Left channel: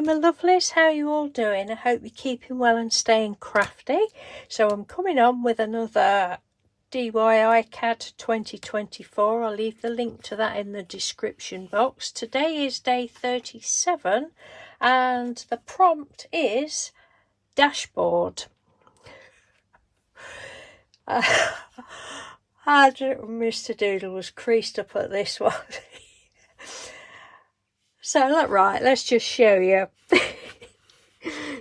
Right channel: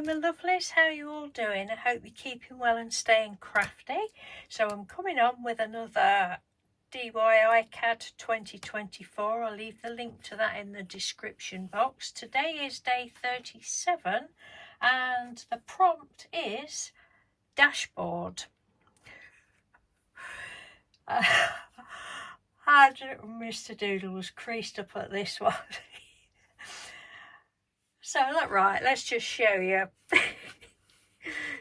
Hello my lovelies, how are you all doing? I hope you're keeping well and staying crafty. So I'm coming on with another DIY CAD 2024. I'll leave the link to that in the description box. Today is day 37 and the prompt is dashboard. Mr. Doodle was creased up at this one. So look, right, let's just show you.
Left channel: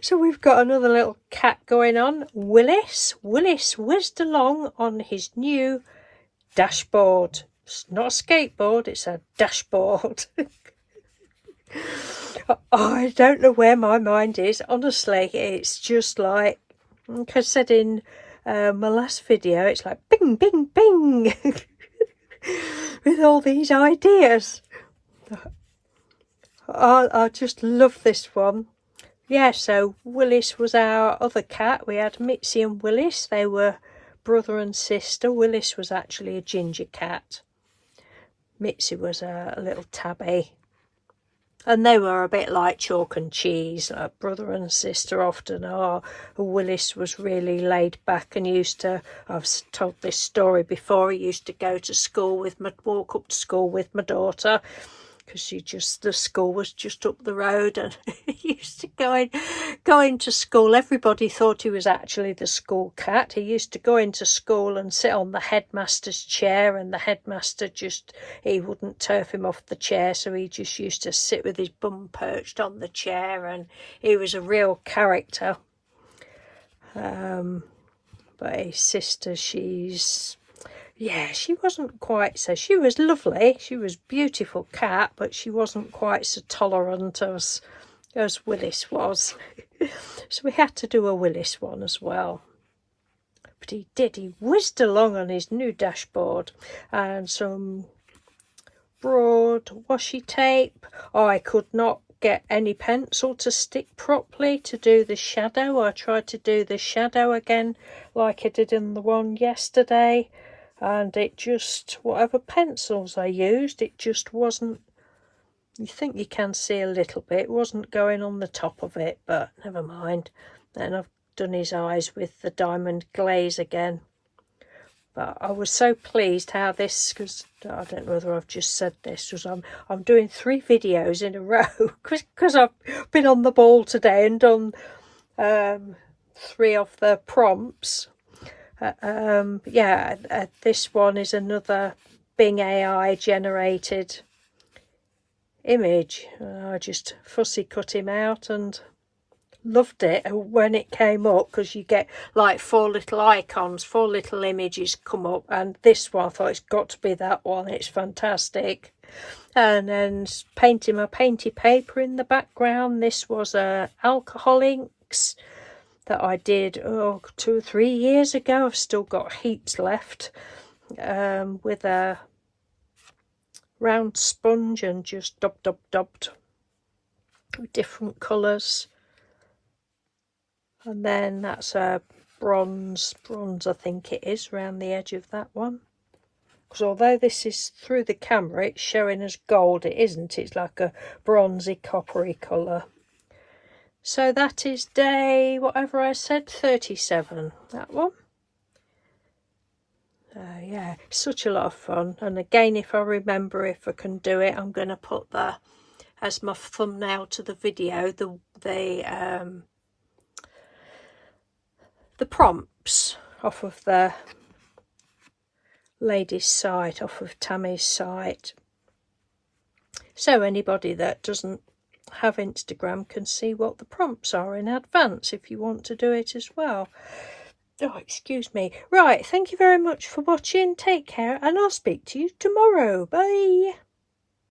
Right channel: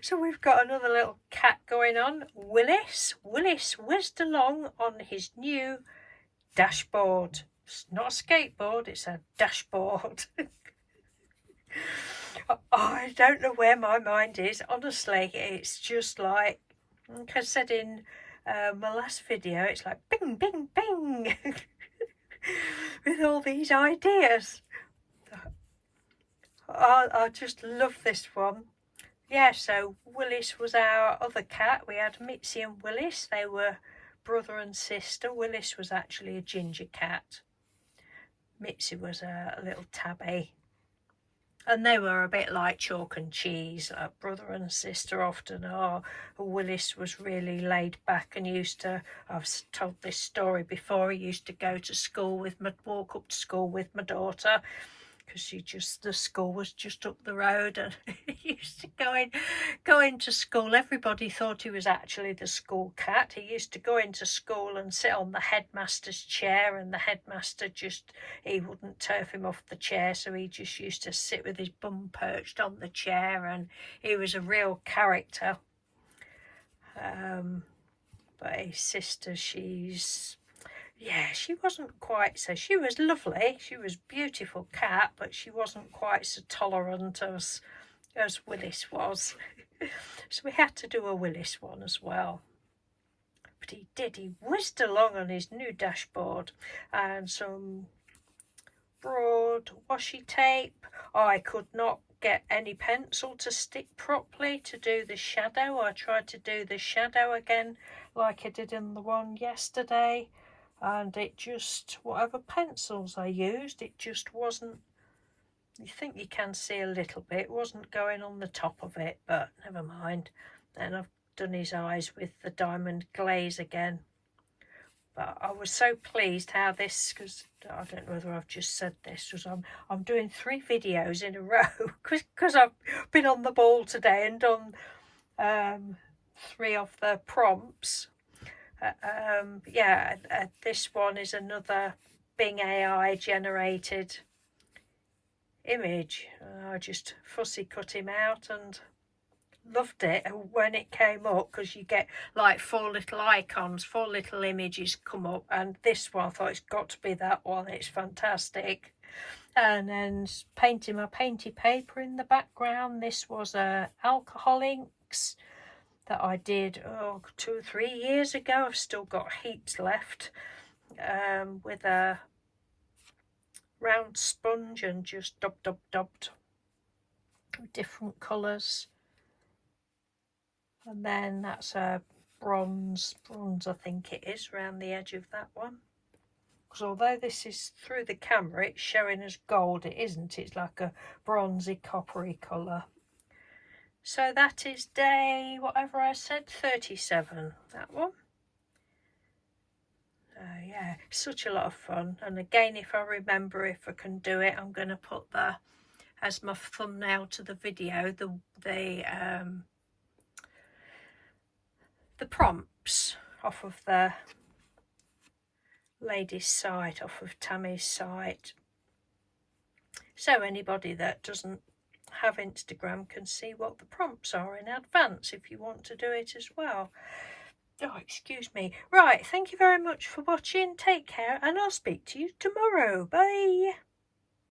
So we've got another little cat going on, Willis. Willis whizzed along on his new dashboard. It's not a skateboard, it's a dashboard. I don't know where my mind is. Honestly, it's just like I said in my last video, it's like bing, bing, bing. With all these ideas. I just love this one. Yeah, so Willis was our other cat. We had Mitzi and Willis. They were brother and sister. Willis was actually a ginger cat. Mitzi was a little tabby. And they were a bit like chalk and cheese, like brother and sister often are. Willis was really laid back and used to, I've told this story before, he used to go to school with walk up to school with my daughter. Because the school was just up the road, and he used to go into school. Everybody thought he was actually the school cat. He used to go into school and sit on the headmaster's chair, and the headmaster he wouldn't turf him off the chair, so he just used to sit with his bum perched on the chair, and he was a real character. But his sister, she wasn't quite so. She was lovely. She was a beautiful cat, but she wasn't quite so tolerant as Willis was. So we had to do a Willis one as well. But he did. He whizzed along on his new dashboard and some broad washi tape. Oh, I could not get any pencil to stick properly to do the shadow. I tried to do the shadow again like I did in the one yesterday. And it just, whatever pencils I used, it just wasn't, you think you can see a little bit, it wasn't going on the top of it, but never mind. Then I've done his eyes with the diamond glaze again. But I was so pleased how this, because I don't know whether I've just said this, because I'm doing 3 videos in a row, because I've been on the ball today and done 3 of the prompts. This one is another Bing AI generated image. I just fussy cut him out and loved it when it came up, because you get like 4 little icons, 4 little images come up, and this one I thought it's got to be that one. It's fantastic. And then painting my painty paper in the background. This was alcohol inks that I did 2 or 3 years ago. I've still got heaps left, with a round sponge and just dubbed with different colours. And then that's a bronze I think it is, around the edge of that one. Because although this is through the camera, it's showing as gold, it isn't. It's like a bronzy coppery colour. So that is day, whatever I said, 37, that one. Yeah, such a lot of fun. And again, if I remember, if I can do it, I'm going to put as my thumbnail to the video, the prompts off of the lady's site, off of Tammy's site. So anybody that doesn't have Instagram can see what the prompts are in advance if you want to do it as well. Oh, excuse me. Right, thank you very much for watching. Take care, and I'll speak to you tomorrow. Bye.